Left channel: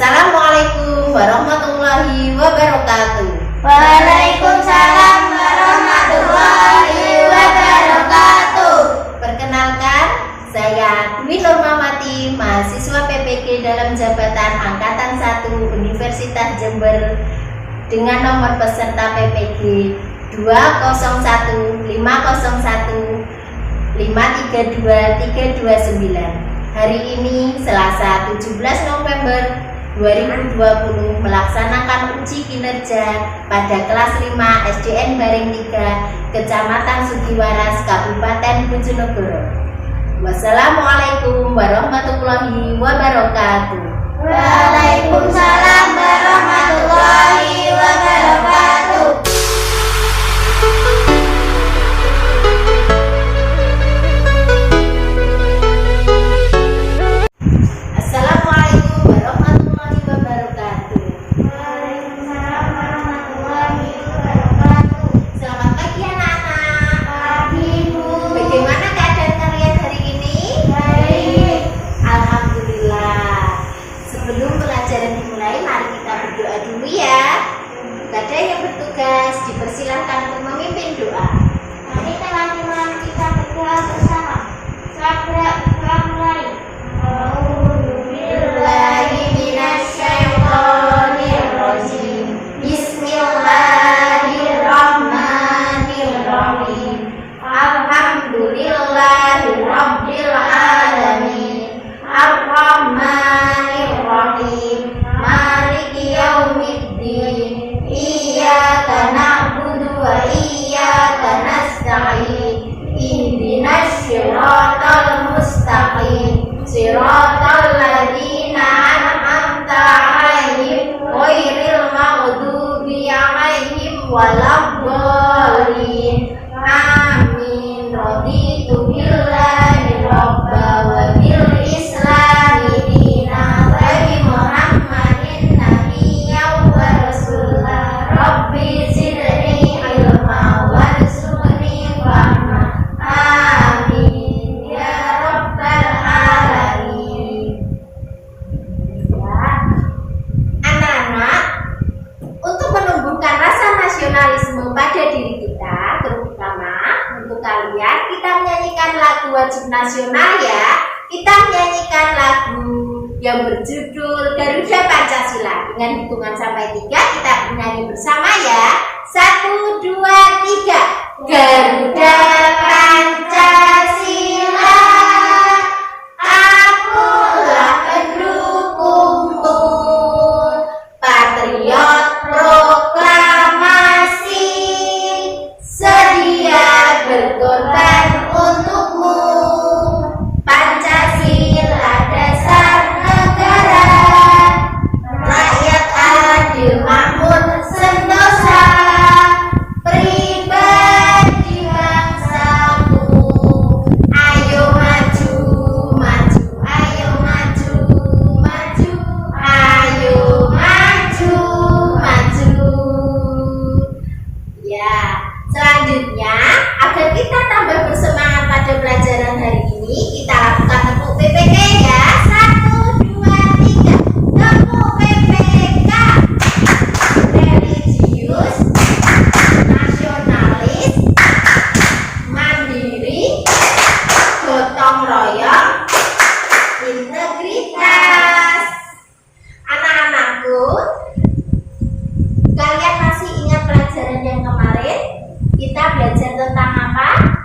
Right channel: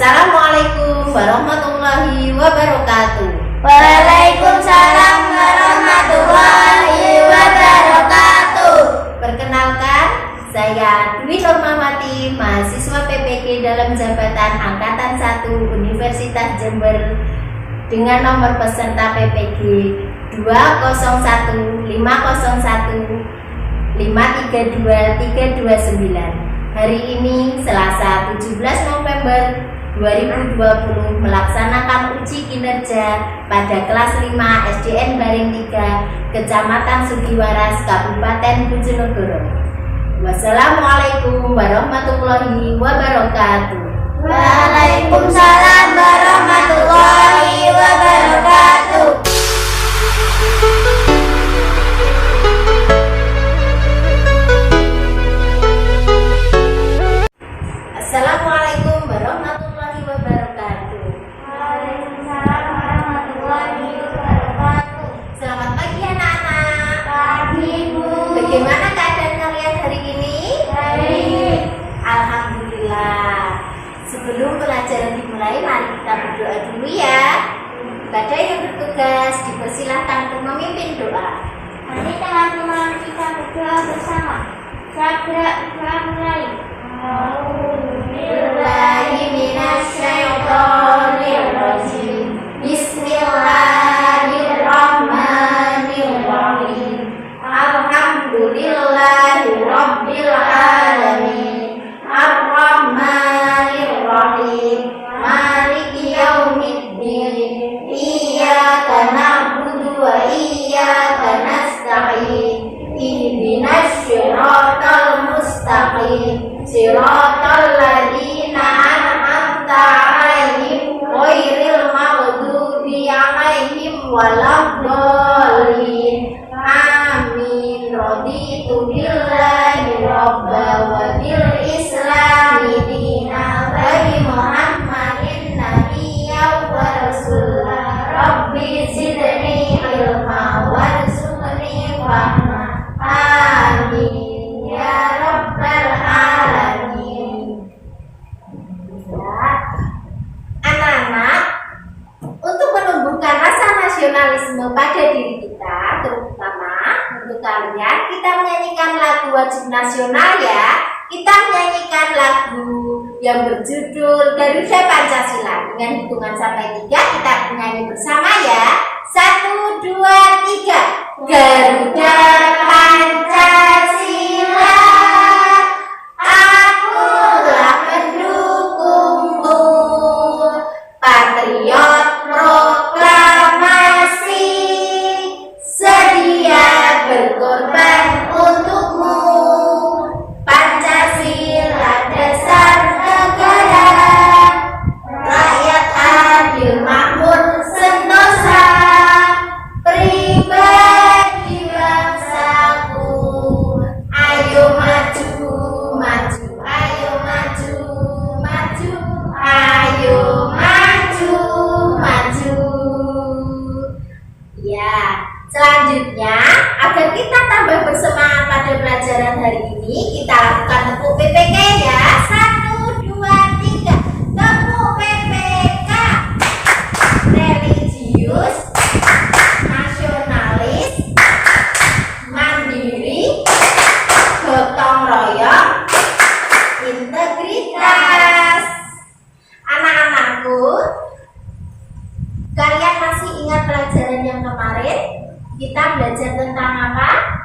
Assalamualaikum warahmatullahi wabarakatuh. Waalaikumsalam warahmatullahi wabarakatuh. Perkenalkan, saya Dwi Normamati, mahasiswa PPG dalam jabatan Angkatan 1 Universitas Jember dengan nomor peserta PPG 20150132329. Hari ini Selasa 17 November 2020 melaksanakan uji kinerja pada kelas 5 SDN Baring 3 Kecamatan Sugiwaras Kabupaten Bojonegoro. Wassalamualaikum warahmatullahi wabarakatuh. Waalaikumsalam warahmatullahi wabarakatuh. Assalamualaikum warahmatullahi wabarakatuh. Waalaikumsalam warahmatullahi wabarakatuh. Selamat pagi anak-anak. Pagi, Bu. Bagaimana keadaan kalian hari ini? Baik. Alhamdulillah. Sebelum pelajaran dimulai, mari kita berdoa dulu ya. Kepada yang bertugas dipersilahkan untuk memimpin doa. Mari teman-teman kita berdoa bersama. Segera kita mulai. A'udzubillahi minasyaitonirrajim. Bismillahirrahmanirrahim. Alhamdulillahirabbil alamin. Ar-Rahmanirrahim. Maliki yaumiddin. Iyyaka na'budu wa iyyaka nasta'in. Ihdinas siratal mustaqim. Siratal ladzina an'amta 'alaihim ghairil maghdubi 'alaihim waladdallin. Amin. Raditu billahi rabba wa bil islami dina wa bi Muhammadin nabiyyan wa rasulah. Rabbi zidni ilma warzuqni fahma. Amin ya rabbal alamin. Ya. Anak-anak, untuk menumbuhkan rasa nasionalisme pada diri kita, terutama untuk kalian, kita menyanyikan lagu wajib nasional ya. Kita menyanyikan lagu yang berjudul Garuda Pancasila. Dengan hitungan sampai 3 kita menyanyi bersama ya. 1, 2, 3. Garuda Pancasila, akulah pendukungmu. Patriot proklamasi, sedia berkorban untukmu. Pancasila dasar negara, rakyat adil makmur sentosa, pribadi bangsaku. Ayo maju, maju, ayo maju, maju, ayo maju, maju. Ya, selanjutnya agar kita tambah bersemangat pada pelajaran hari ini, kita lakukan tepuk PPK ya. 1, 2, 3. Tepuk PPK. Religius, nasionalis, mandiri, gotong royong, integritas. Anak-anakku, kalian masih ingat pelajaran yang kemarin? Kita belajar tentang apa?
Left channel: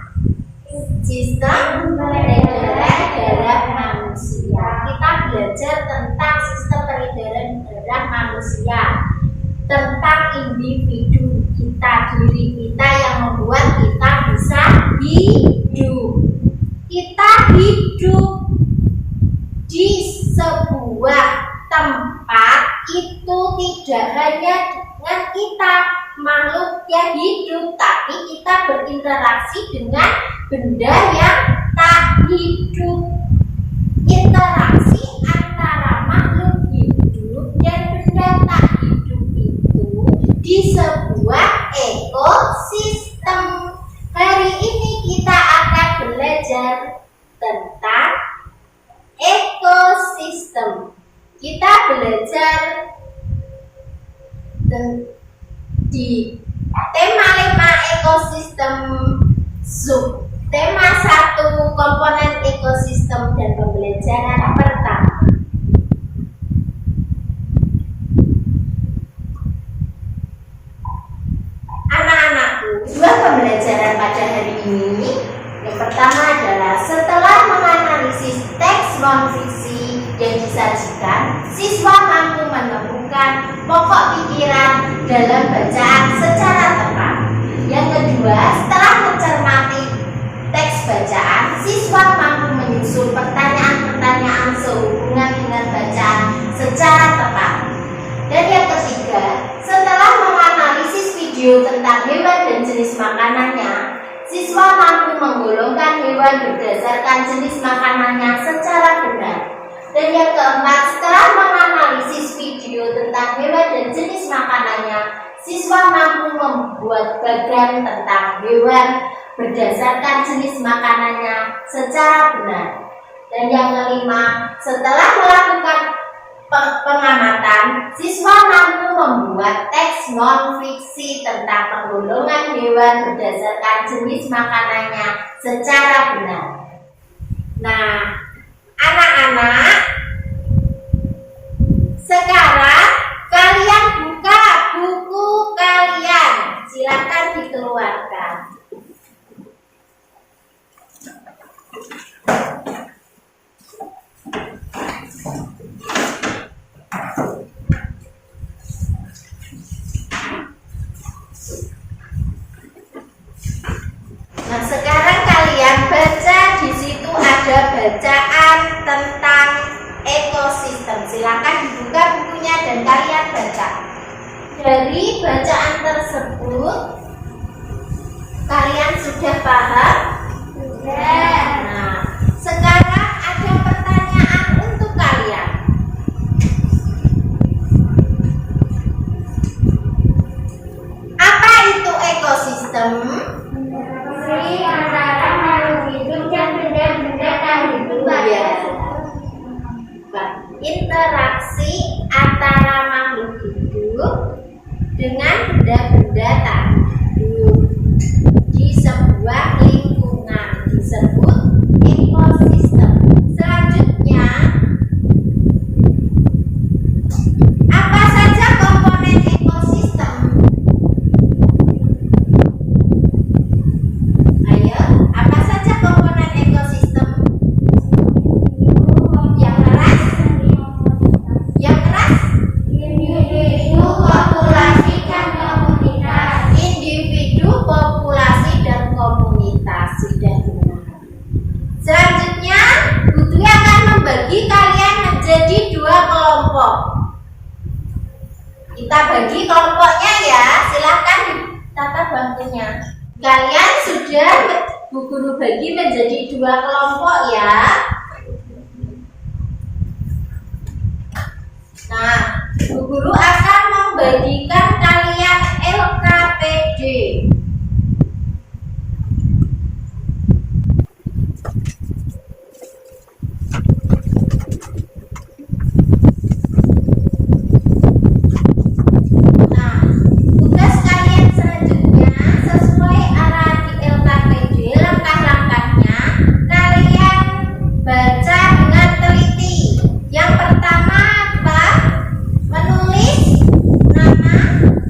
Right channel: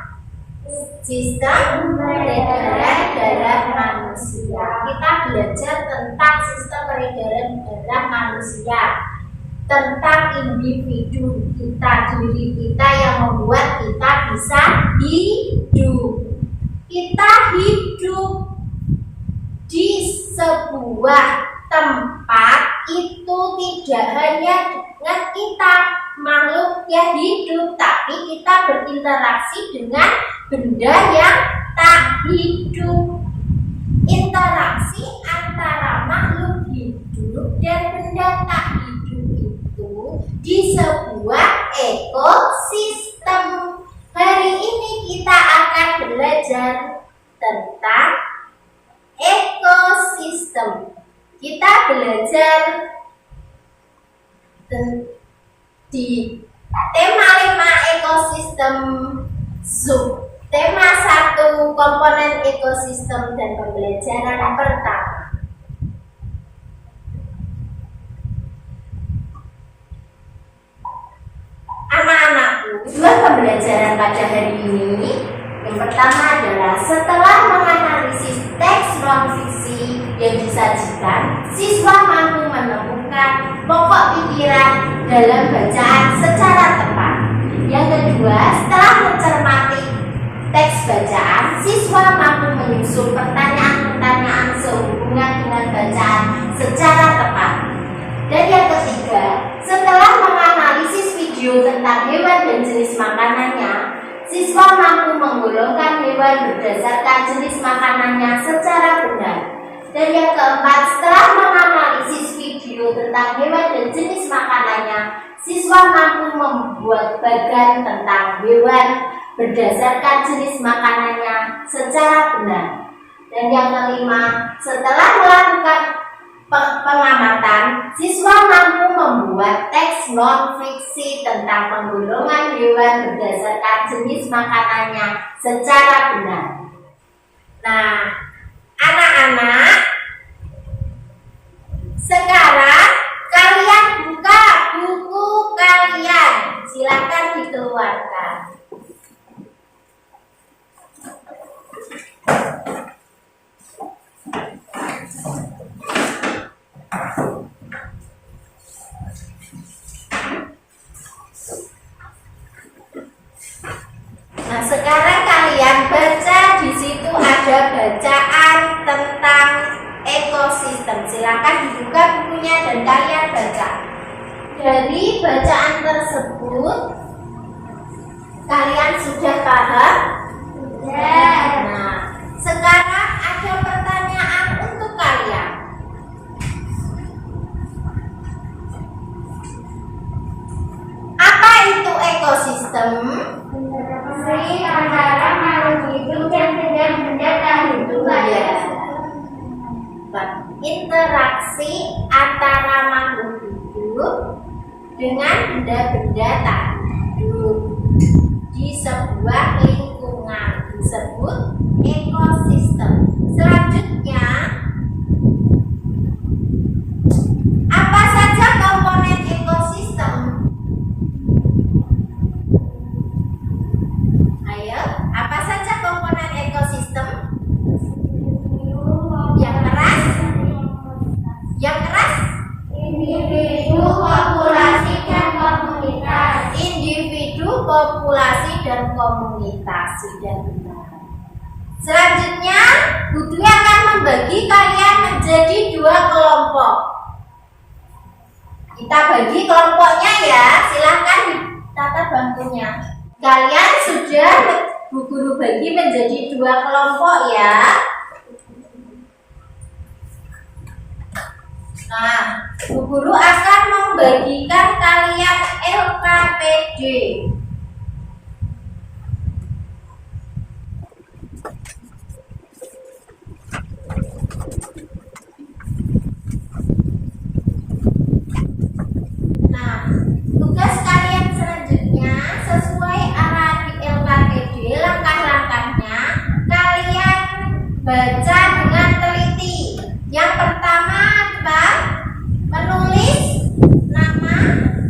Sistem peredaran darah manusia. Kita belajar tentang sistem peredaran darah manusia, tentang individu kita, diri kita yang membuat kita bisa hidup. Kita hidup di sebuah tempat itu tidak hanya dengan kita makhluk yang hidup, tapi kita berinteraksi dengan benda yang tak hidup. Interaksi antara makhluk hidup dan benda tak hidup itu di sebuah ekosistem. Hari ini kita akan belajar tentang ekosistem. Kita belajar belajar di tema 5 ekosistem sub. Tema 1 komponen ekosistem dan pembelajaran pertama. Anak-anakku, dua pembelajaran pada hari ini. Yang pertama adalah setelah menganalisis teks non-fiksi yang disajikan, siswa mampu menemukan pokok pikiran dalam bacaan secara tepat. Yang kedua, setelah mencermati teks bacaan, siswa mampu menyusun pertanyaan-pertanyaan sehubungan dengan bacaan secara tepat. Dan yang ketiga, setelah menganalisis video tentang hewan dan jenis makanannya, siswa mampu menggolongkan hewan berdasarkan jenis makanannya secara benar. Dan yang keempat, setelah menganalisis video tentang hewan dan jenis makanannya, siswa mampu membuat bagan tentang hewan berdasarkan jenis makanannya secara benar. Dan yang kelima, setelah melakukan pengamatan, siswa mampu membuat teks non-fiksi tentang penggolongan hewan berdasarkan jenis makanannya secara benar. Nah, anak-anak, sekarang kalian buka buku kalian. Silakan dikeluarkan. Nah, sekarang kalian baca, di situ ada bacaan tentang ekosistem. Silakan dibuka bukunya dan kalian baca. Dari bacaan tersebut, kalian sudah paham? Sudah. Nah, sekarang ada pertanyaan untuk kalian. Apa itu ekosistem? Interaksi antara makhluk hidup dan benda-benda tak hidup. Iya. Interaksi antara makhluk hidup dengan benda-benda tak hidup di sebuah lingkungan disebut ekosistem. Selanjutnya, apa saja komponen ekosistem? Ayo, apa saja komponen ekosistem? Yang keras? Yang keras? Individu, populasi, dan komunitas. Individu, populasi, dan komunitas. Sudah benar. Selanjutnya, Bu Dwi akan membagi kalian menjadi 2 kelompok. Kita bagi kelompoknya ya. Silahkan ditata bangkunya. Kalian sudah Bu Guru bagi menjadi 2 kelompok ya. Nah, Bu Guru akan membagikan kalian LKPD. Nah, tugas kalian selanjutnya sesuai arahan di LKPD, langkah-langkahnya kalian baca dengan teliti. Yang pertama apa? Menulis nama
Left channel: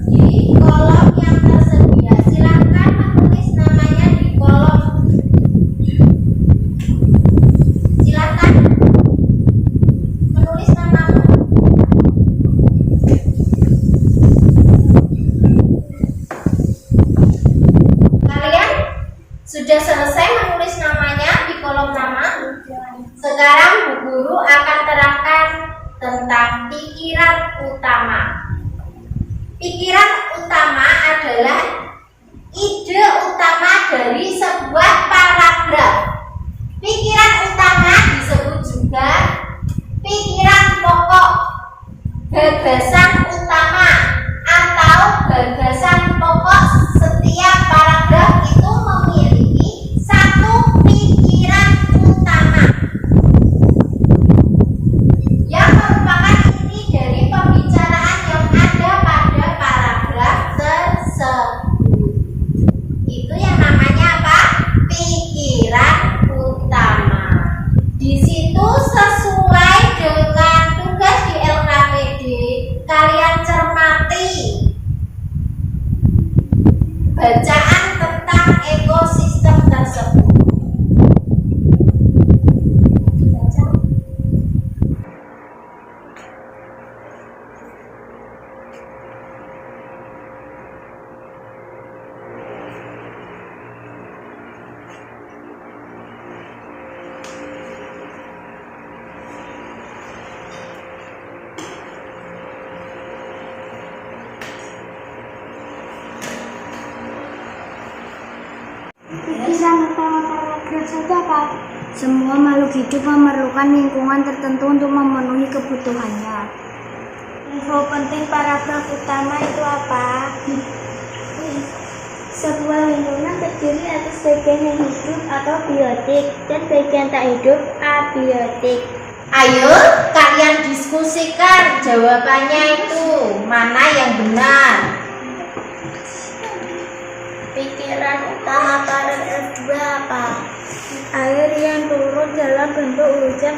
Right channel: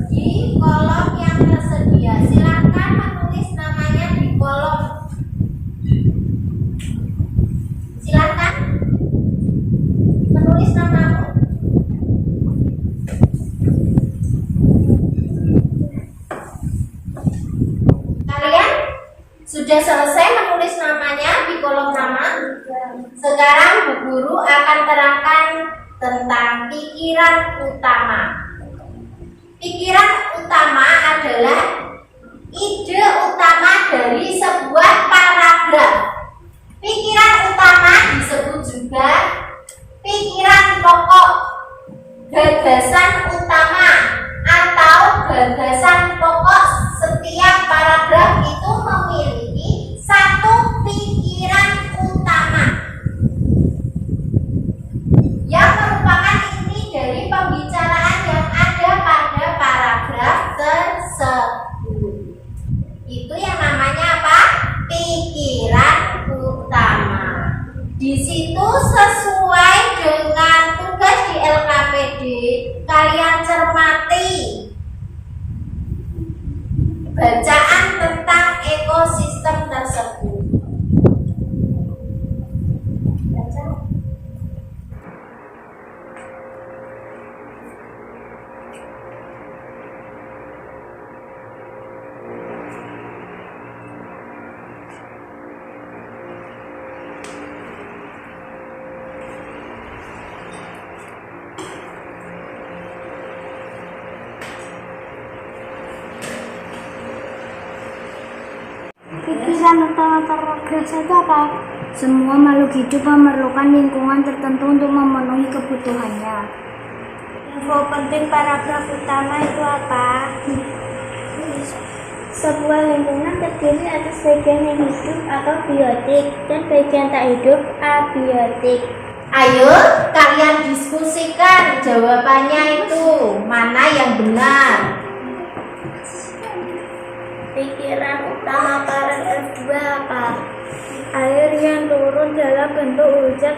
di kolom yang tersedia. Silakan menulis namanya di kolom. Silakan menulis namamu. Kalian sudah selesai menulis namanya di kolom nama? Sekarang Bu Guru akan terangkan tentang pikiran utama. Pikiran utama adalah ide utama dari sebuah paragraf. Pikiran utama disebut juga pikiran pokok, gagasan utama, atau gagasan pokok. Setiap paragraf itu memiliki satu pikiran utama yang merupakan inti dari bacaan tentang ekosistem tersebut. Baca. Pikiran utama paragraf saja apa? Semua makhluk hidup memerlukan lingkungan tertentu untuk memenuhi kebutuhannya. Info penting paragraf utama itu apa? Sebuah lingkungan terdiri atas bagian yang hidup atau biotik dan bagian tak hidup abiotik. Ayo kalian diskusikan jawabannya itu mana yang benar. Pikiran utama paragraf 2 apa? Air yang turun dalam bentuk hujan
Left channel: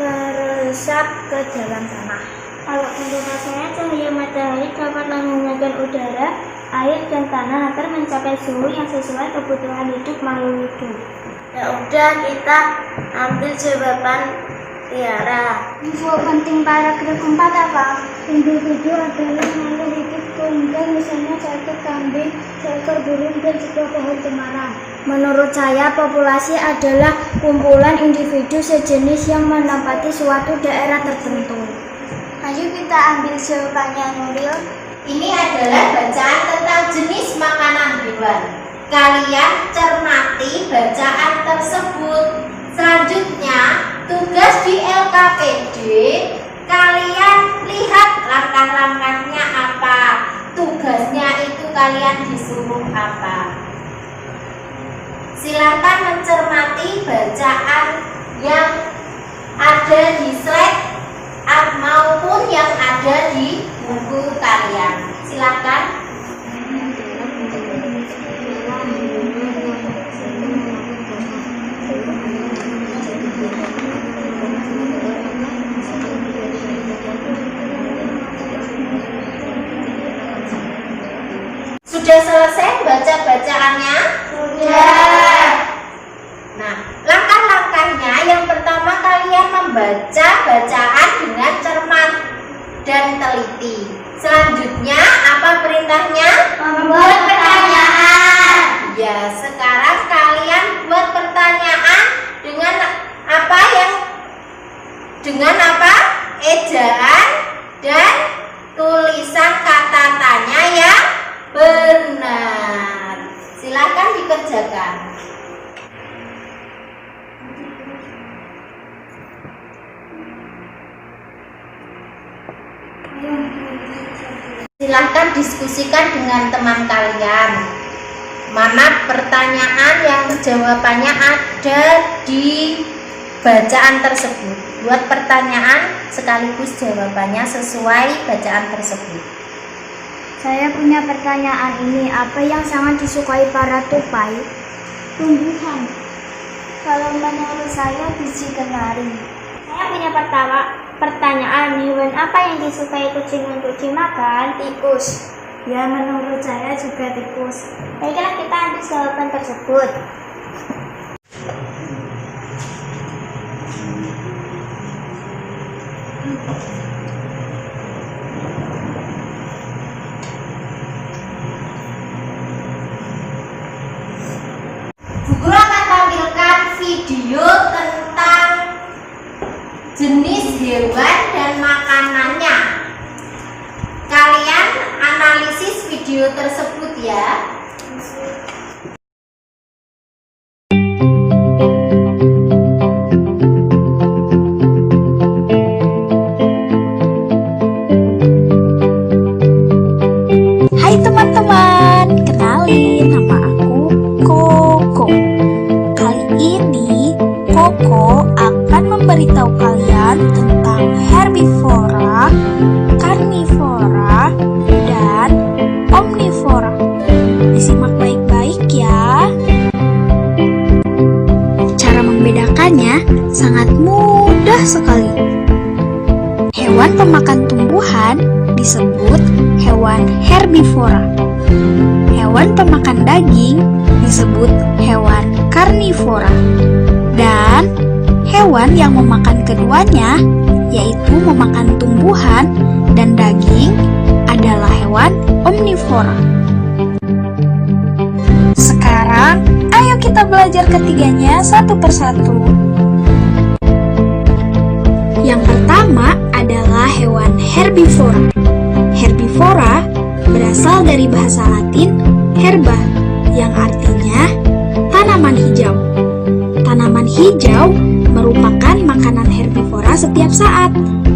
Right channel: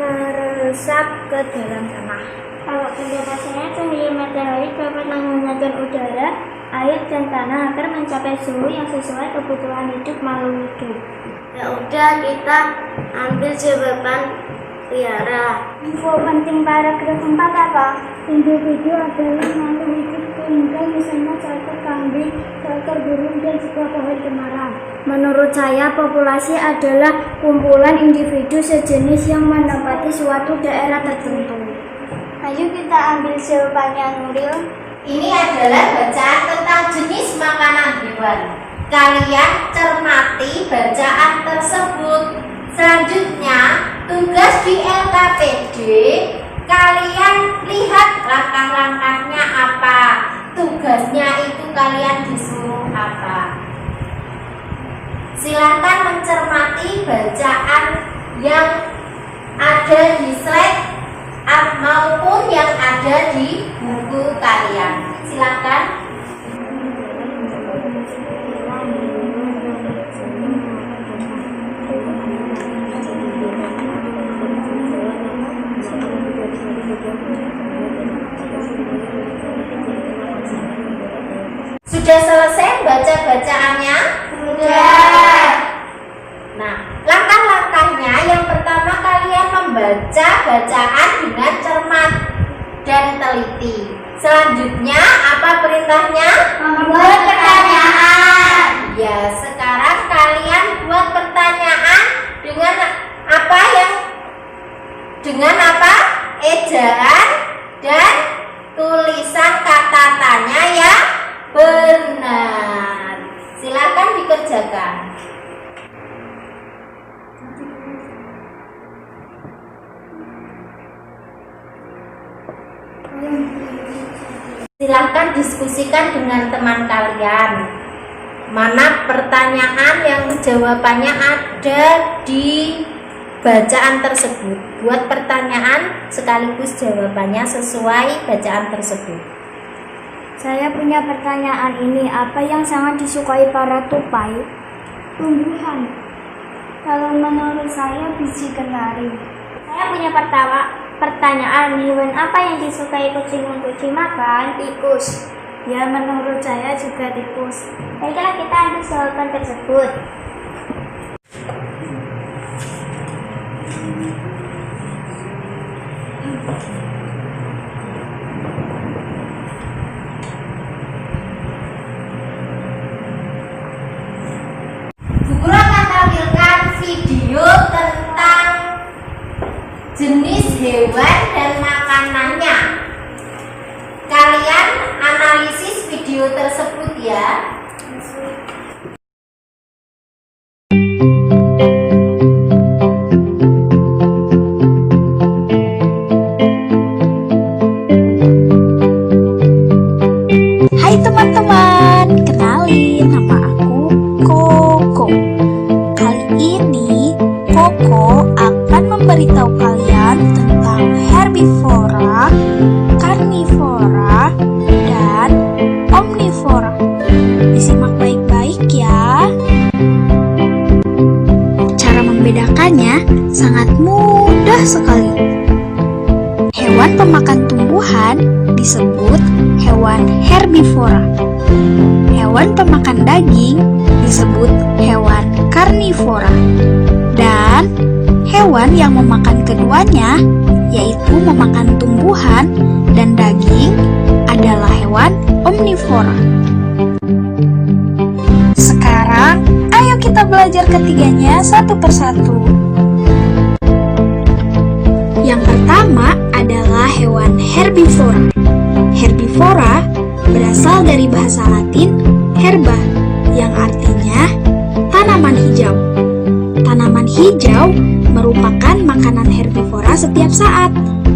meresap ke dalam tanah. Kalau penjelasannya, cahaya matahari dapat menghangatkan udara, air dan tanah agar mencapai suhu yang sesuai kebutuhan hidup makhluk hidup. Ya udah, kita ambil jawaban Tiara. Info penting paragraf 4 apa? Individu adalah makhluk hidup tunggal, misalnya satu kambing, seekor burung, dan sebuah pohon cemara. Menurut saya, populasi adalah kumpulan individu sejenis yang menempati suatu daerah tertentu. Ayo kita ambil jawabannya, Nuril. Ini adalah bacaan tentang jenis makanan hewan. Kalian cermati bacaan tersebut. Selanjutnya, tugas di LKPD, kalian lihat langkah-langkahnya apa. Tugasnya itu kalian disuruh apa. Silakan mencermati bacaan yang ada di slide maupun yang ada di buku kalian. Silakan. Sudah selesai baca bacaannya? Sudah. Nah, langkah-langkahnya yang pertama kalian membaca bacaan dengan cermat dan teliti. Selanjutnya apa perintahnya? Membuat pertanyaan. Ya, sekarang kalian buat pertanyaan dengan apa ejaan dan tulisan kata tanya yang benar. Silakan dikerjakan. Silahkan diskusikan dengan teman kalian. Mana pertanyaan yang jawabannya ada di bacaan tersebut. Buat pertanyaan sekaligus jawabannya sesuai bacaan tersebut. Saya punya pertanyaan ini. Apa yang sangat disukai para tupai? Tumbuhan. Kalau menurut saya biji kenari. Saya punya pertanyaan, hewan apa yang disukai kucing untuk dimakan? Tikus. Ya, menurut saya juga tikus. Baiklah, kita ambil jawaban tersebut. Bu Guru akan tampilkan video tentang jenis hewan dan makanannya. Kalian analisis video tersebut ya. Hai teman-teman, kenalin nama aku Koko. Kali ini Koko akan memberitahu kalian tentang herbivora, karnivora, dan omnivora. Disimak baik-baik ya. Cara membedakannya sangat mudah sekali. Hewan pemakan tumbuhan disebut hewan herbivora. hewan pemakan daging disebut hewan karnivora. Dan hewan yang memakan keduanya, yaitu memakan tumbuhan dan daging, adalah hewan omnivora. Sekarang, ayo kita belajar ketiganya satu persatu. Yang pertama adalah hewan herbivora. Herbivora berasal dari bahasa Latin herba, yang artinya tanaman hijau. Tanaman hijau merupakan makanan herbivora setiap saat,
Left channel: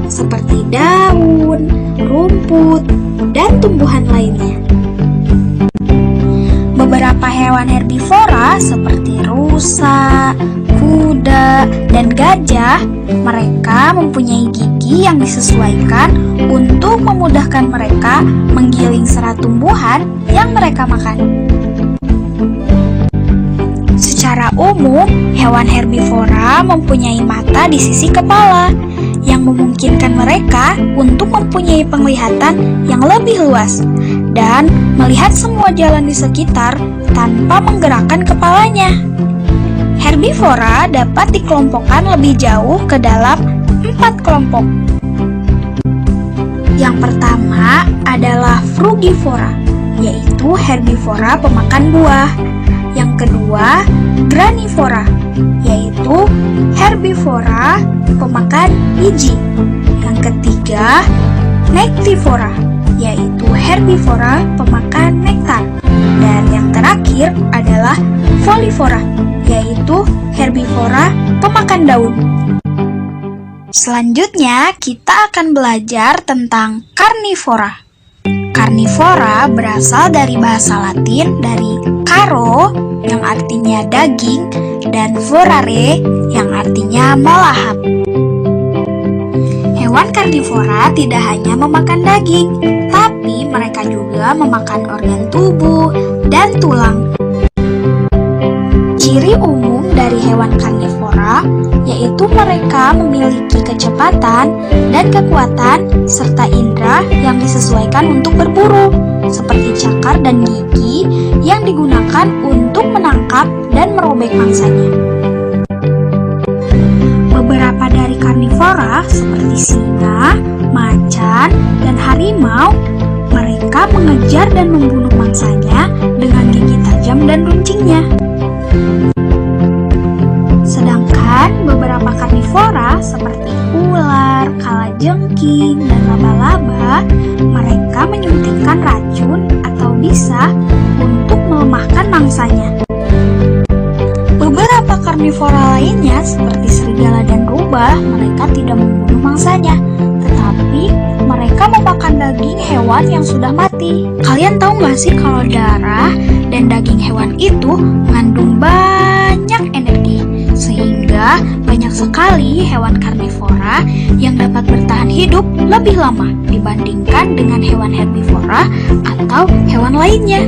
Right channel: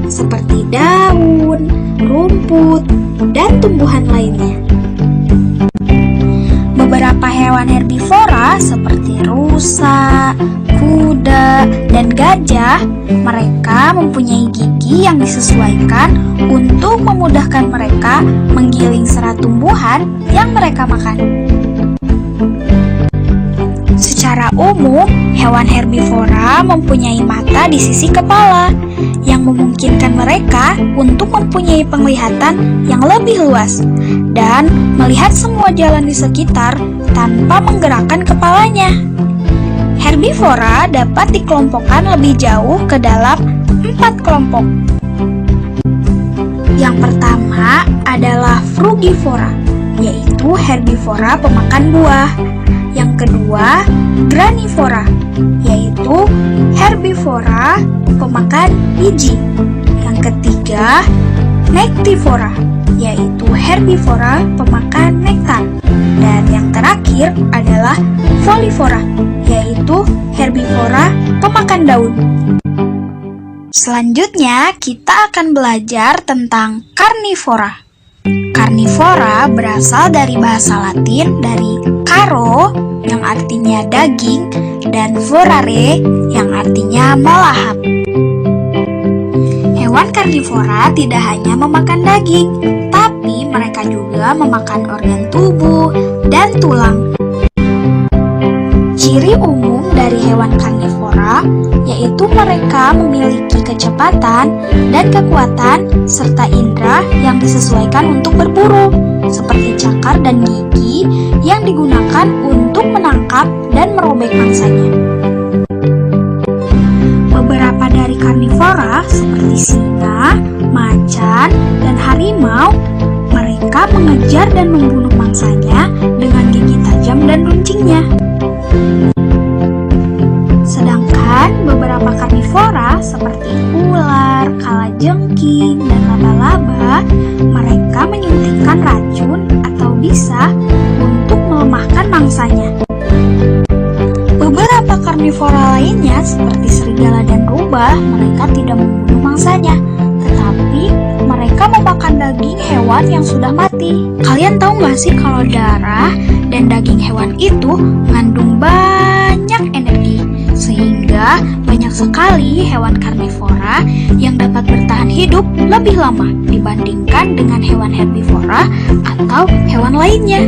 seperti daun, rumput, dan tumbuhan lainnya. Beberapa hewan herbivora seperti rusa, kuda, dan gajah, mereka mempunyai gigi yang disesuaikan untuk memudahkan mereka menggiling serat tumbuhan yang mereka makan. Secara umum, hewan herbivora mempunyai mata di sisi kepala yang memungkinkan mereka untuk mempunyai penglihatan yang lebih luas dan melihat semua jalan di sekitar tanpa menggerakkan kepalanya. Herbivora dapat dikelompokkan lebih jauh ke dalam 4 kelompok. Yang pertama adalah frugivora, yaitu herbivora pemakan buah. Yang kedua, granivora, yaitu herbivora pemakan biji. Yang ketiga, nektivora, yaitu herbivora pemakan nektar. Dan yang terakhir adalah folivora, yaitu herbivora pemakan daun. Selanjutnya, kita akan belajar tentang karnivora. Karnivora berasal dari bahasa Latin dari caro, yang artinya daging, dan vorare, yang artinya melahap. Hewan karnivora tidak hanya memakan daging, tapi mereka juga memakan organ tubuh dan tulang. Ciri umum dari hewan karnivora yaitu mereka memiliki kecepatan dan kekuatan serta indera yang disesuaikan untuk berburu, seperti cakar dan gigi yang digunakan untuk menangkap dan merobek mangsanya. Beberapa dari karnivora seperti singa, macan, dan harimau, mereka mengejar dan membunuh mangsanya dengan gigi tajam dan runcingnya. Sedangkan beberapa karnivora seperti ular, kalajengking, dan laba-laba, mereka menyuntikkan racun atau bisa untuk melemahkan mangsanya. Beberapa karnivora lainnya seperti serigala dan rubah, mereka tidak membunuh mangsanya, tetapi mereka memakan daging hewan yang sudah mati. Kalian tahu nggak sih kalau darah dan daging hewan itu mengandung banyak energi, sehingga banyak sekali hewan karnivora yang dapat bertahan hidup lebih lama dibandingkan dengan hewan herbivora atau hewan lainnya.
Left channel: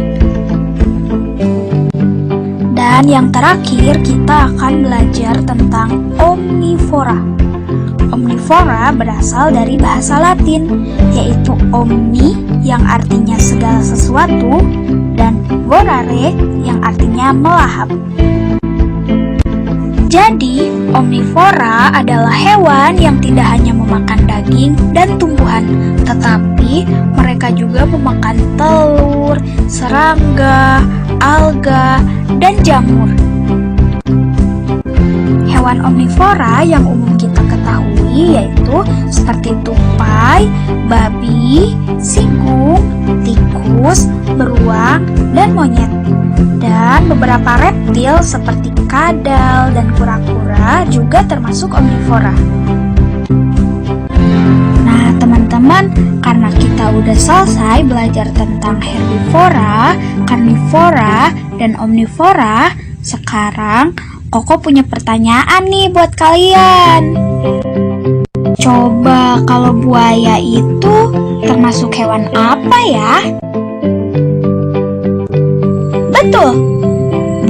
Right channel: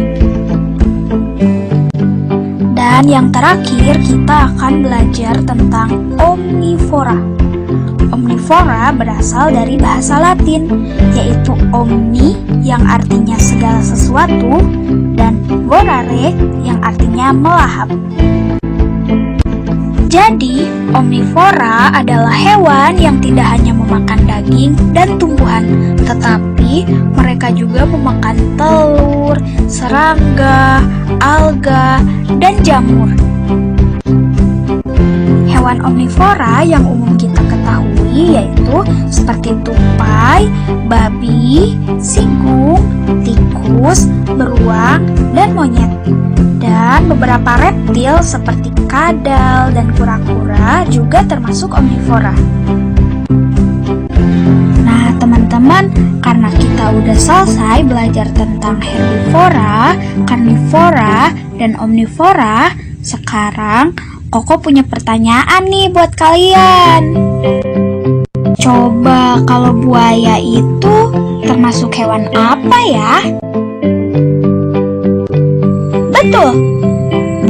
Dan yang terakhir, kita akan belajar tentang omnivora. Omnivora berasal dari bahasa Latin, yaitu omni yang artinya segala sesuatu dan vorare yang artinya melahap. Jadi, omnivora adalah hewan yang tidak hanya memakan daging dan tumbuhan, tetapi mereka juga memakan telur, serangga, alga, dan jamur. Hewan omnivora yang umum kita ketahui yaitu seperti tupai, babi, sigung, tikus, beruang, dan monyet. Dan beberapa reptil seperti kadal dan kura-kura juga termasuk omnivora. Nah, teman-teman, karena kita udah selesai belajar tentang herbivora, karnivora, dan omnivora, sekarang Koko punya pertanyaan nih buat kalian. Coba kalau buaya itu termasuk hewan apa ya? Betul,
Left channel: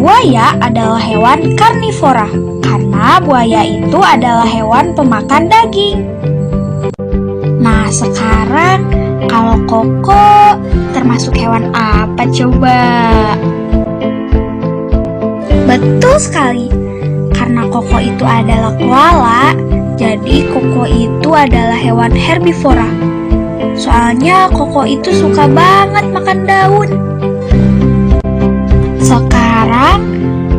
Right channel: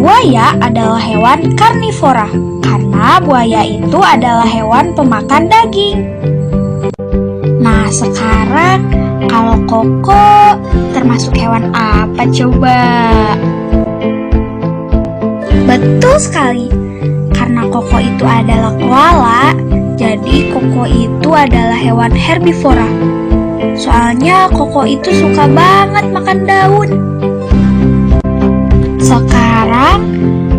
buaya adalah hewan karnivora karena buaya itu adalah hewan pemakan daging. Nah, sekarang Kalau koko termasuk hewan apa coba? Betul sekali. Karena koko itu adalah koala, jadi koko itu adalah hewan herbivora. Soalnya koko itu suka banget makan daun. Sekarang,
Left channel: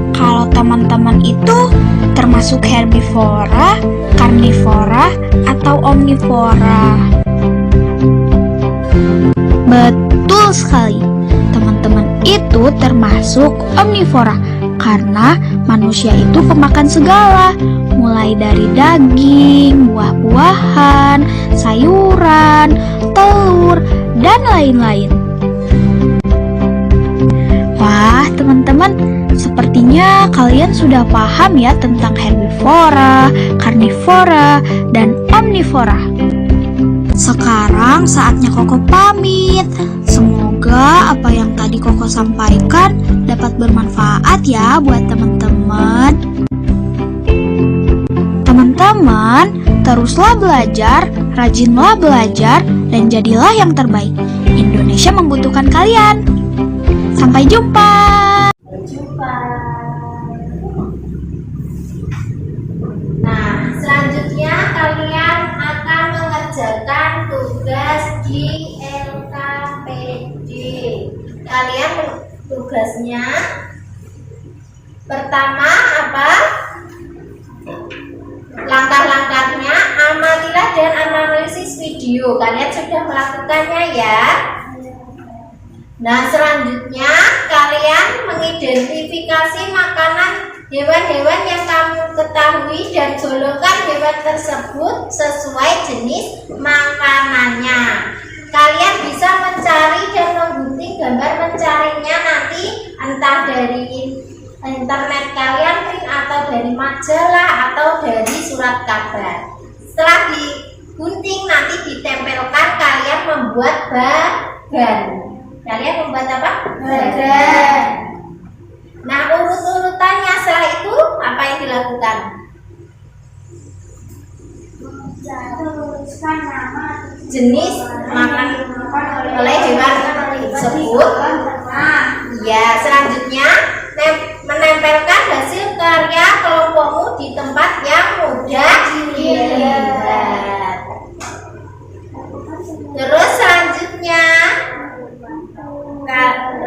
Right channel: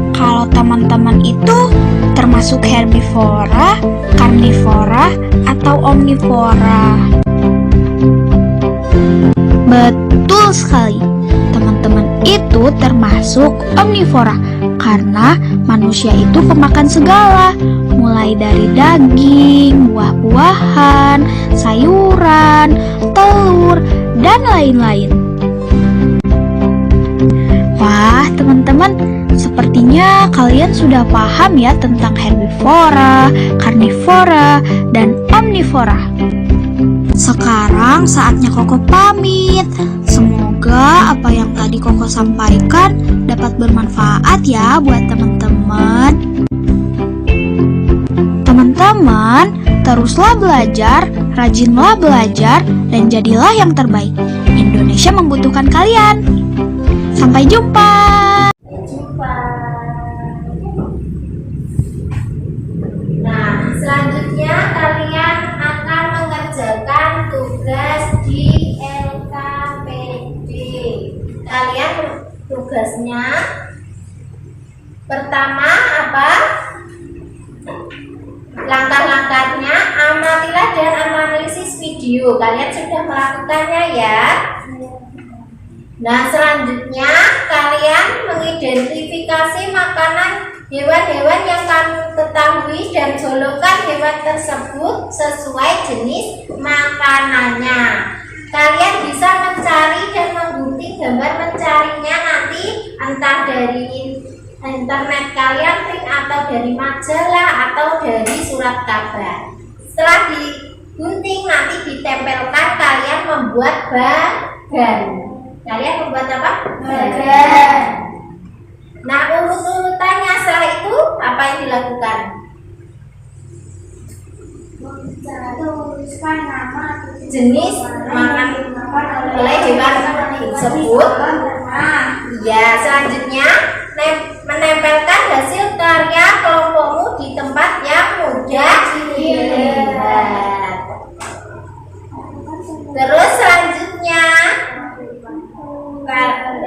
kalau teman-teman itu termasuk herbivora, karnivora, atau omnivora? Betul sekali. Teman-teman itu termasuk omnivora karena manusia itu pemakan segala, mulai dari daging, buah-buahan, sayuran, telur, dan lain-lain. Wah, teman-teman, sepertinya kalian sudah paham ya tentang herbivora, karnivora, dan omnivora. Sekarang saatnya Koko pamit. Semoga apa yang tadi Koko sampaikan dapat bermanfaat ya buat teman-teman. Teman-teman, teruslah belajar, rajinlah belajar, dan jadilah yang terbaik. Indonesia membutuhkan kalian. Sampai jumpa. Sampai jumpa. Nah, selanjutnya kalian akan mengerjakan tugas di LKPD. Kalian tugasnya pertama apa? Langkah-langkahnya amatilah dan analisis video. Kalian sudah melakukannya ya. Nah, selanjutnya kalian mengidentifikasi makanan hewan-hewan yang kamu ketahui dan golongkan hewan tersebut sesuai jenis makanannya. Kalian bisa mencari dan menggunting gambar mencarinya nanti entah dari internet kalian, print atau dari majalah atau dari surat kabar. Setelah digunting nanti ditempelkan, kalian membuat bagan. Kalian membuat apa? Bagan. Nah, urut-urutannya setelah itu apa yang dilakukan? Tuliskan nama Jenis makan oleh hewan tersebut. Ya, selanjutnya menempelkan hasil karya kelompokmu di tempat yang mudah dilihat. Terus selanjutnya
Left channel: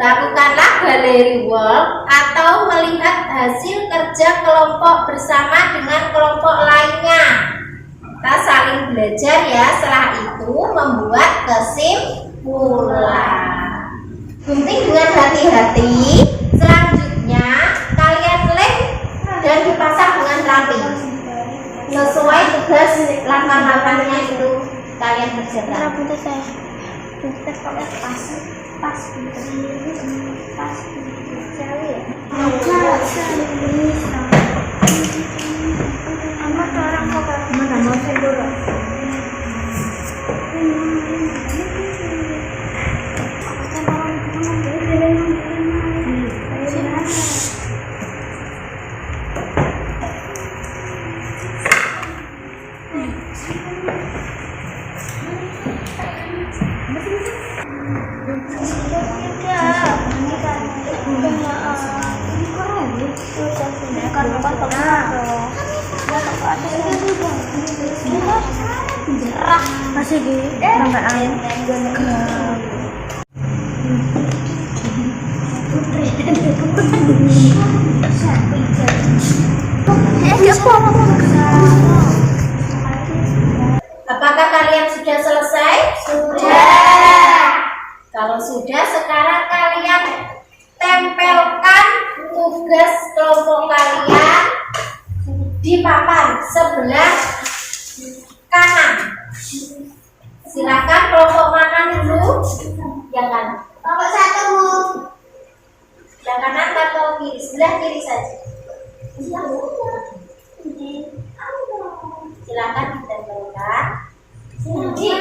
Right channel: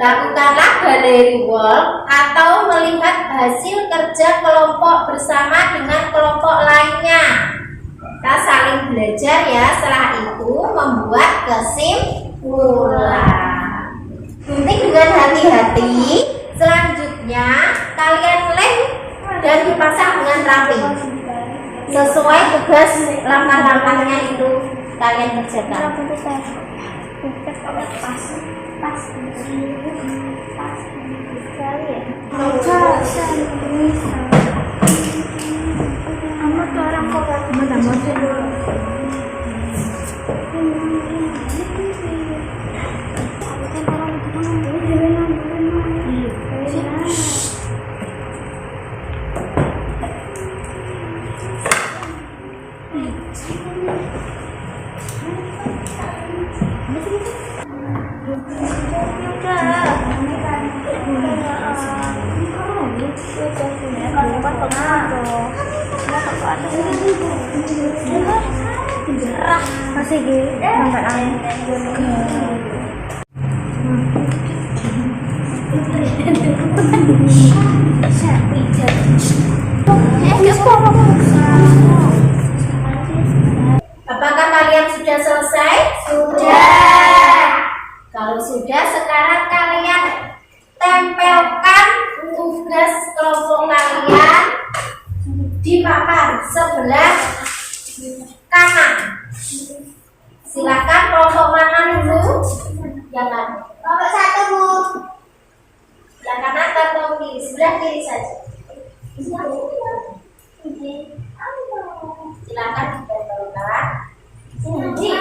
lakukanlah gallery walk atau melihat hasil kerja kelompok bersama dengan kelompok lainnya. Kita saling belajar ya, setelah itu membuat kesimpulan. Gunting dengan hati-hati. Selanjutnya kalian lem dan dipasang dengan rapi sesuai tugas langkah-langkahnya itu kalian kerjakan. Masih gitu, tambahan. Apakah kalian sudah selesai? Sudah. Kalau sudah, sekarang kalian tempelkan tugas kelompok kalian di papan sebelah kanan. Silakan kelompok mana dulu? Yang kanan. Kelompok satu, Bu. Sebelah kanan atau kiri? Sebelah kiri saja. Silakan ditempelkan. Di.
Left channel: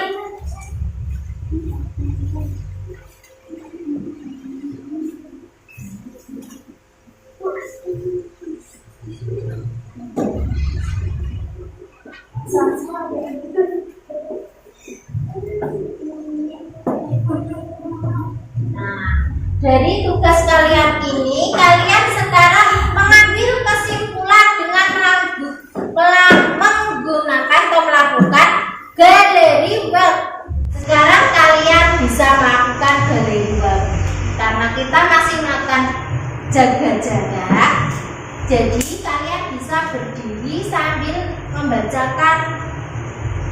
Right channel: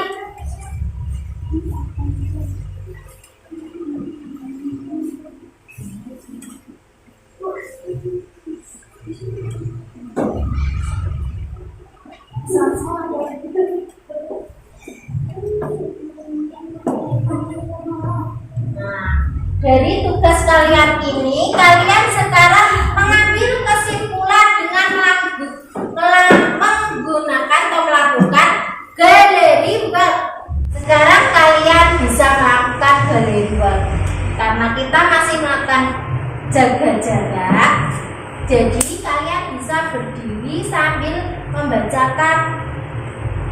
Dari tugas kalian ini, kalian sekarang mengambil kesimpulan dengan menggunakan atau melakukan galeri web. Sekarang kalian bisa melakukan galeri web. Karena kita masih melakukan jaga jarak, jadi kalian bisa berdiri sambil membacakan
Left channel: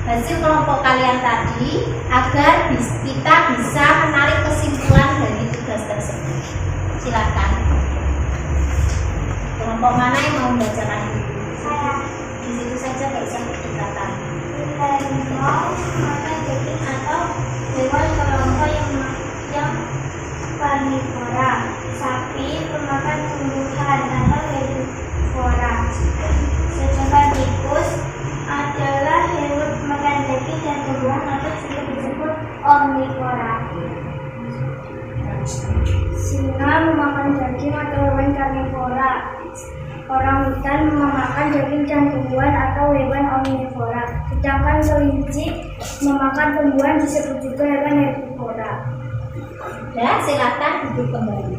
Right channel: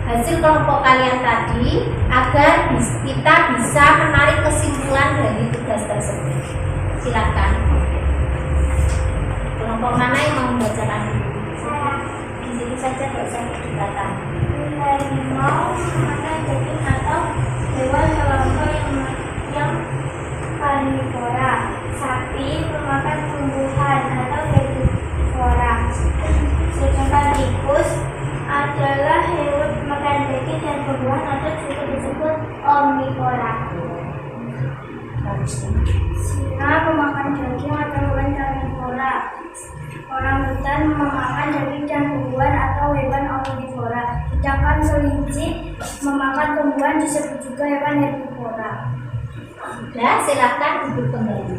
hasil kelompok kalian tadi agar kita bisa menarik kesimpulan dari tugas tersebut. Silakan. Kelompok mana yang mau membacakan dulu? Di situ saja, nggak usah berdekatan. Mau memakan daging atau hewan kelompok yang karnivora. Sapi memakan tumbuhan atau herbivora. Sedangkan tikus adalah hewan makan daging dan tumbuhan atau juga disebut omnivora. Singa memakan daging atau hewan karnivora. Orangutan memakan daging dan tumbuhan atau hewan omnivora. Sedangkan kelinci memakan tumbuhan disebut juga hewan herbivora. Dan silakan duduk kembali.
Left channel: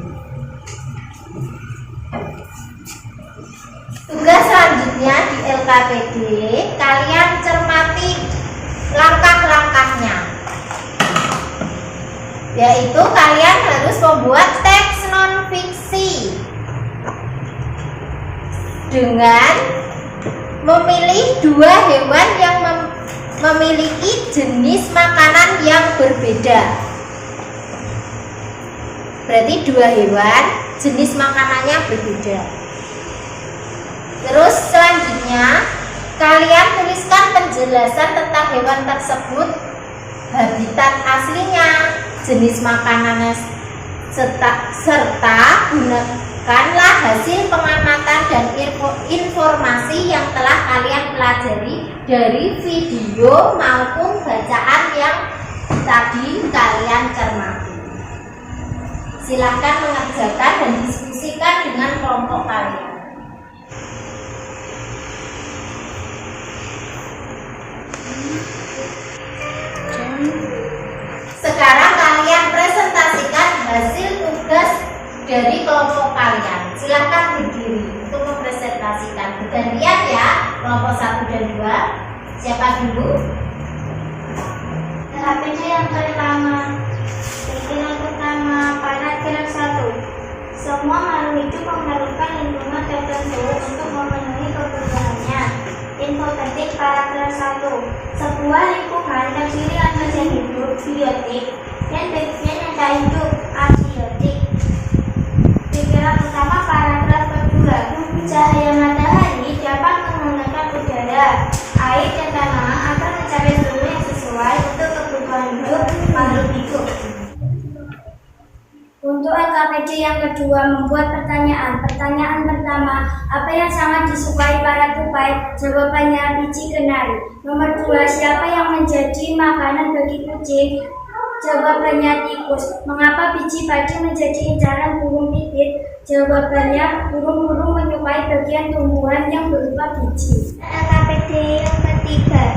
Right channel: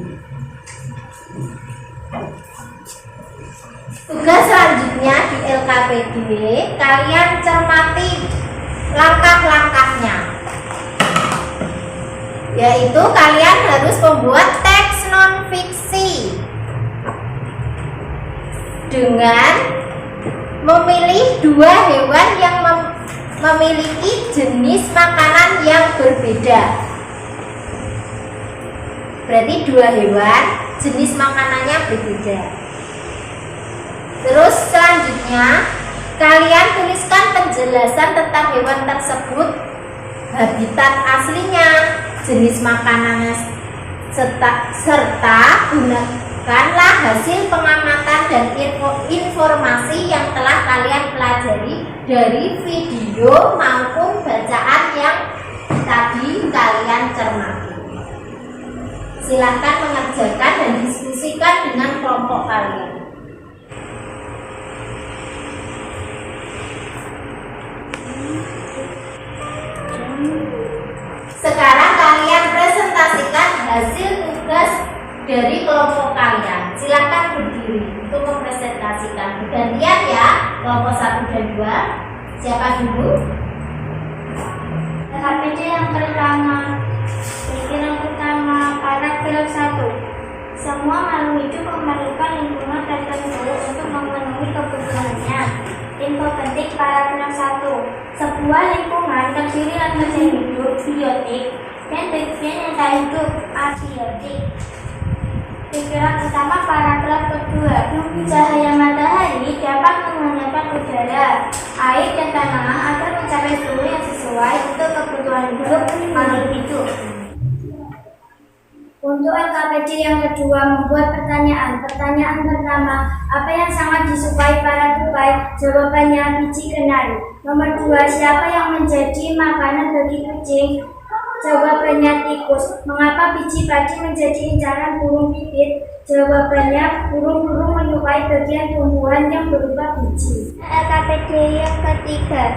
Tugas selanjutnya di LKPD, kalian cermati langkah-langkahnya. Yaitu kalian harus membuat teks non-fiksi dengan memilih dua hewan yang memiliki jenis makanan yang berbeda. Berarti dua hewan jenis makanannya berbeda. Terus selanjutnya kalian tuliskan penjelasan tentang hewan tersebut, habitat aslinya, jenis makanannya, serta gunakanlah hasil pengamatan dan informasi yang telah kalian pelajari dari video maupun bacaan yang tadi kalian cermati. Silahkan mengerjakan dan diskusikan dengan kelompok kalian. Sekarang kalian presentasikan hasil tugas dari kelompok kalian. Silakan berdiri untuk mempresentasikan. Bergantian ya, kelompok 1 dan 2. Siapa dulu? LKPD yang pertama. Pikiran pertama, paragraf 1. Semua makhluk hidup memerlukan lingkungan tertentu untuk memenuhi kebutuhannya. Info penting paragraf 1. Sebuah lingkungan terdiri atas yang hidup, biotik, dan bagian yang tak hidup, abiotik. Pikiran pertama paragraf kedua. Cahaya matahari dapat menghangatkan udara, air, dan tanah agar mencapai suhu yang sesuai untuk kebutuhan hidup makhluk hidup. Untuk LKPD yang kedua membuat pertanyaan. Pertanyaan pertama, apa yang sangat disukai para tupai? Jawabannya biji kenari. Nomor 2, siapa yang menjadi makanan bagi kucing? Jawabannya tikus. Mengapa biji padi menjadi incaran burung pipit? Jawabannya burung-burung menyukai bagian tumbuhan yang berupa biji. LKPD yang ketiga,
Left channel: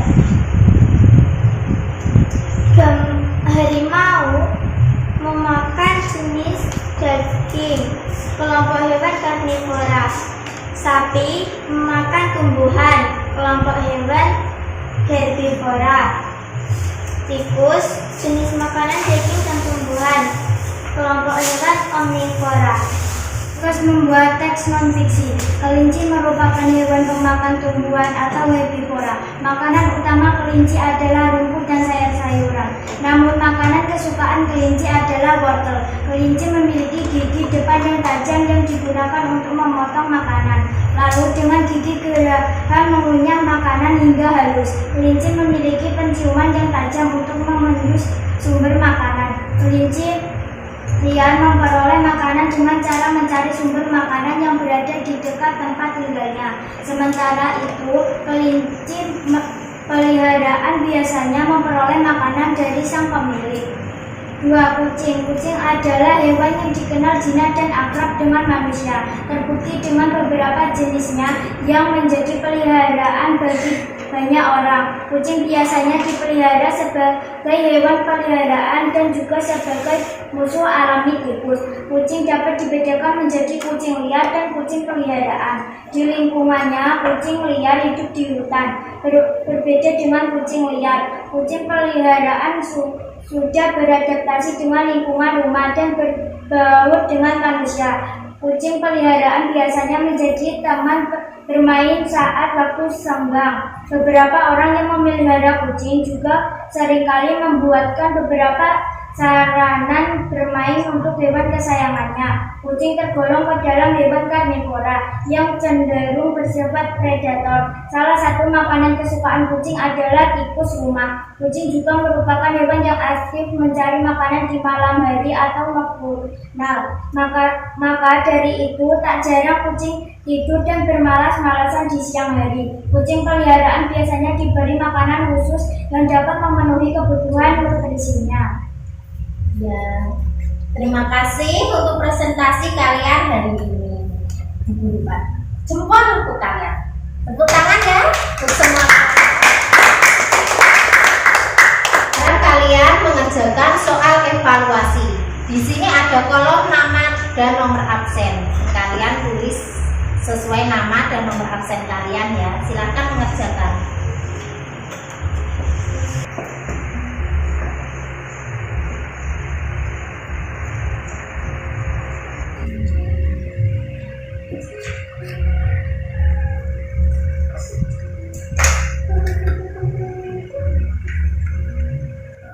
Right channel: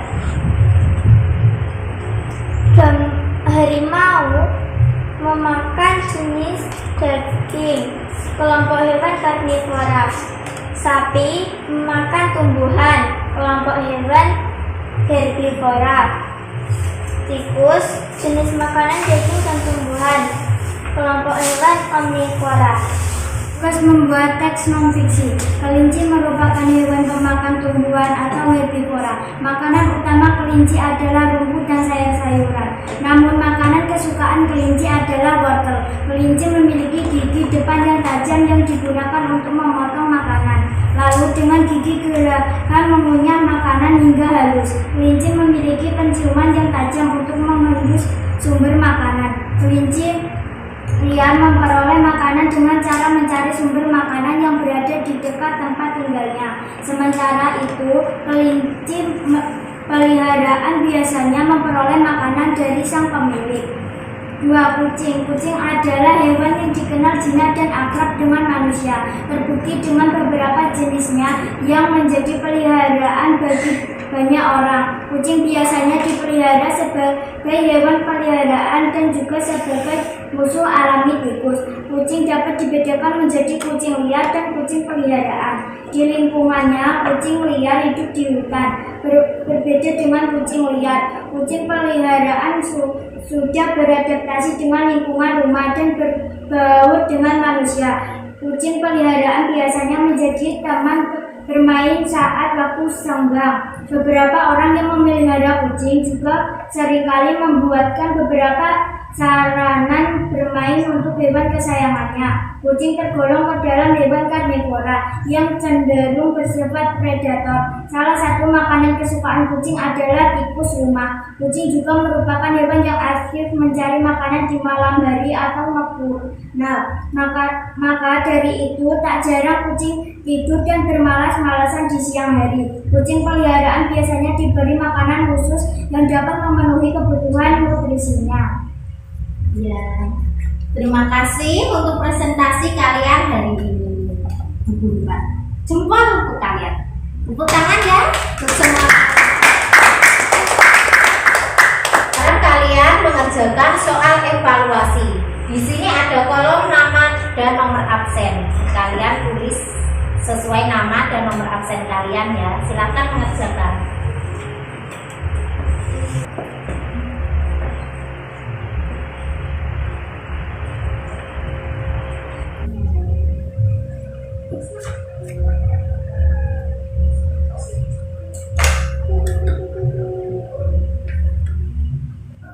harimau memakan jenis daging. Kelompok hewan karnivora. Sapi memakan tumbuhan. Kelompok hewan herbivora. Tikus jenis makanan daging dan tumbuhan. Kelompok hewan omnivora. Tugas membuat teks non-fiksi. Kelinci merupakan hewan pemakan tumbuhan atau herbivora. Makanan utama kelinci adalah rumput dan sayur-sayuran. Namun makanan kesukaan kelinci adalah wortel. Kelinci memiliki gigi depan yang tajam yang digunakan untuk memotong makanan. Lalu dengan gigi geraham mengunyah makanan hingga halus. Kelinci memiliki penciuman yang tajam untuk mengendus sumber makanan. Kelinci liar memperoleh makanan dengan cara mencari sumber makanan yang berada di dekat tempat tinggalnya. Sementara itu, kelinci peliharaan biasanya memperoleh makanan dari sang pemilik. 2. Kucing. Kucing adalah hewan yang dikenal jinak dan akrab dengan manusia. Terbukti dengan beberapa jenisnya yang menjadi peliharaan bagi banyak orang. Kucing biasanya dipelihara sebagai hewan peliharaan dan juga sebagai musuh alami tikus. Kucing dapat dibedakan menjadi kucing liar dan kucing peliharaan. Di lingkungannya, kucing liar hidup di hutan. Berbeda dengan kucing liar, kucing peliharaan sudah beradaptasi dengan lingkungan rumah dan berbaur dengan manusia. Kucing peliharaan biasanya menjadi teman bermain saat waktu senggang. Beberapa orang yang memelihara kucing juga seringkali membuatkan beberapa saranan bermain untuk hewan kesayangannya. Kucing tergolong ke dalam hewan karnivora yang cenderung bersifat predator. Salah satu makanan kesukaan kucing adalah tikus rumah. Kucing juga merupakan hewan yang aktif mencari makanan di malam hari atau nocturnal. Maka dari itu tak jarang kucing tidur dan bermalas-malasan di siang hari. Kucing peliharaan biasanya diberi makanan khusus yang dapat memenuhi kebutuhan nutrisinya. Ya, terima kasih untuk presentasi kalian hari ini. Jempol untuk kalian. Tepuk tangan ya untuk semua. Dan kalian mengerjakan soal evaluasi. Di sini ada kolom nama dan nomor absen. Kalian tulis sesuai nama dan nomor absen kalian ya. Silakan mengerjakan.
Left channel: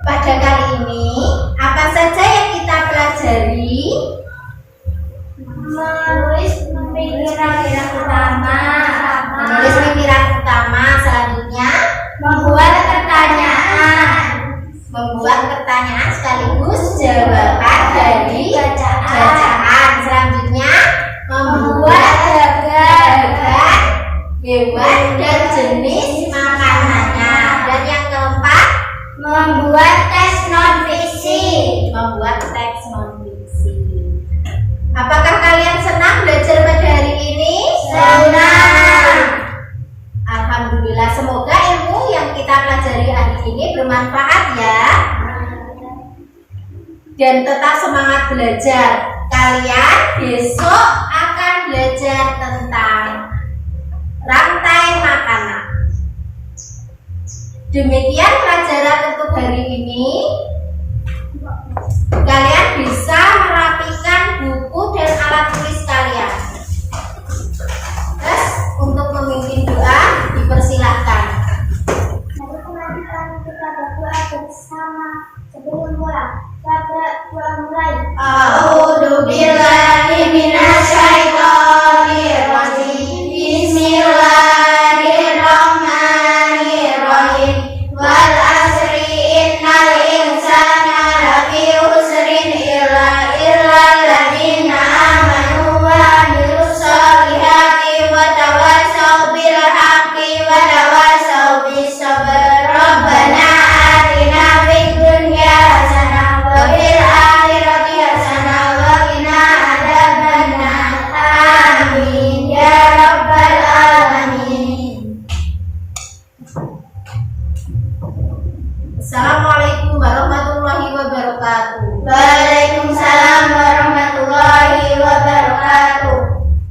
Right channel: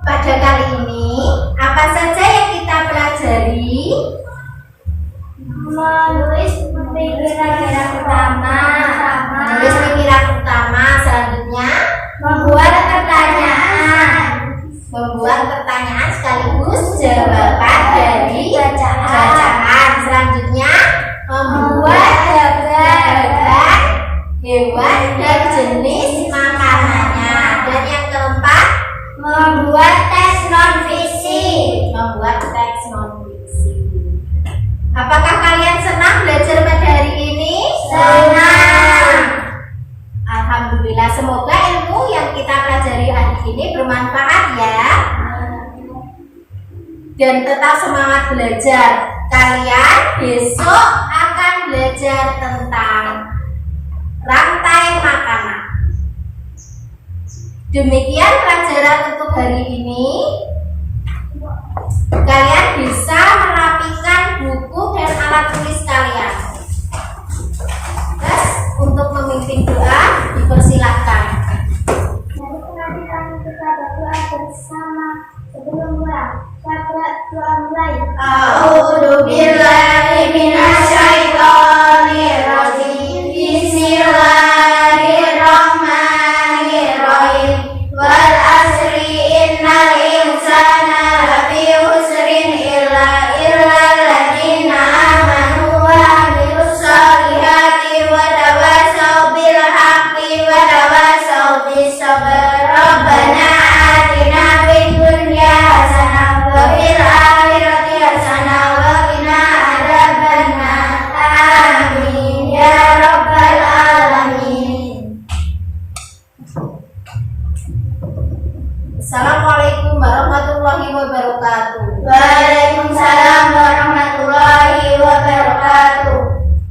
Pada kali ini, apa saja yang kita pelajari? Menulis pemikiran utama. Menulis pemikiran utama. Selanjutnya, Membuat pertanyaan. membuat pertanyaan sekaligus jawaban dari bacaan. Selanjutnya, membuat gambar hewan dan jenis makanannya. Dan yang keempat, Membuat tes non-fiksi. membuat teks non-fiksi. Apakah kalian senang belajar pada hari ini? Senang. Alhamdulillah, semoga ilmu yang kita pelajari hari ini bermanfaat ya. Dan tetap semangat belajar. Kalian besok akan belajar tentang rantai makanan. Demikian pelajaran untuk hari ini. Kalian bisa merapikan buku dan alat tulis kalian. Terus untuk memimpin doa dipersilahkan. Mari kita berdoa bersama sebelum pulang. Doa mulai. A'udzu billahi minasyaitonir rajim. Bismillahirrahmanirrahim. Wal asri innal insana lafi khusrin illa alladziina amanu wa 'amilus shalihati wa tawassaw bil haqqi wa tawassaw bis sabr. Rabbana atina fid dunya hasanah wa fil akhirati hasanah wa qina adzabannar. Amin ya rabbal alamin. Assalamualaikum warahmatullahi wabarakatuh.